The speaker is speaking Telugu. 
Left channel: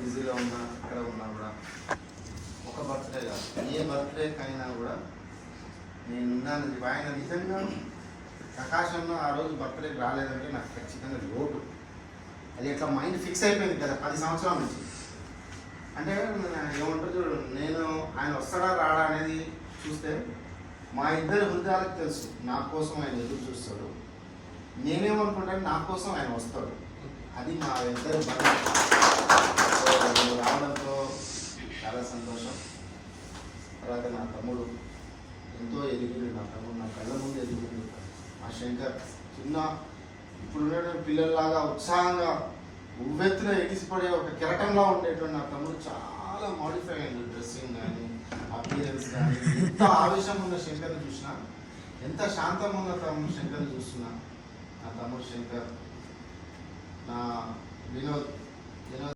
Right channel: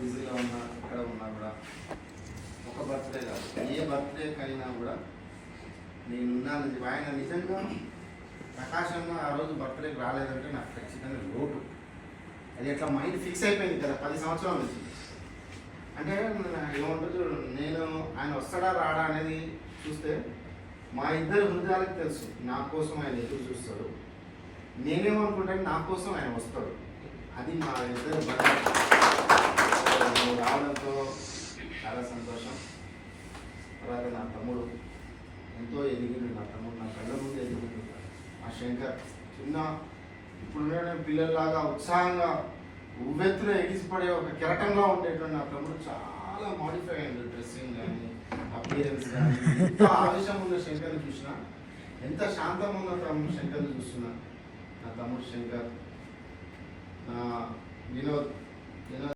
బిజీలో ఉన్నా ఇక్కడ ఉన్నా కూడా ఒక బర్త్డే కాదు, ఏ బర్త్డేకైనా కూడా నేనున్నాను. ఆయన నిజంగా ప్రకాశంలో ఆ రోజు బర్త్డేకి రాలేదంటే నాకు ఖచ్చితంగా లోటు. అది ఎట్లా మైండ్ ఫిక్స్ అయిపోయింది కదా 10 సంవత్సరాల నుంచి. అంటే ఏమంటుంది, నేను ఆయన వస్తాడా రాడా అనేది చూస్తే మా ఇద్దరు హృదయాలకు తెలుసు నా కోసం ఆయన ఎదురు చూస్తాడు. నేనేమనుకుంటాను నా కోసం ఆయన వస్తాడు. అది మా ఇద్దరు రావడంతో చాలా సంతోషం. తర్వాత నా తమ్ముడు ఎంతో ఎదిగిండు. నా తమ్ముడు నా కళ్ళ ముందు ఎదిగిండు. మా శంకర్ చిన్న ఇప్పుడు పిల్లల్లాగా ఉత్సాహంగా ఉవ్వెత్తున ఎగిసిపడే ఒక కెరటంగా ఉండేటువంటి నా తమ్ముడు చాలా మోడిఫై అయింది. డ్రెస్సింగ్ కానీ అపియరెన్స్ కానీ. ఎంత ఆవేశం ఉన్న శంకర్ని చూసినా, ఎంత శాంతం ఉన్న తమ్ముడు శంకర్ని చూస్తున్నా. నా తమ్ముడు శంకర్, నా వినోద్,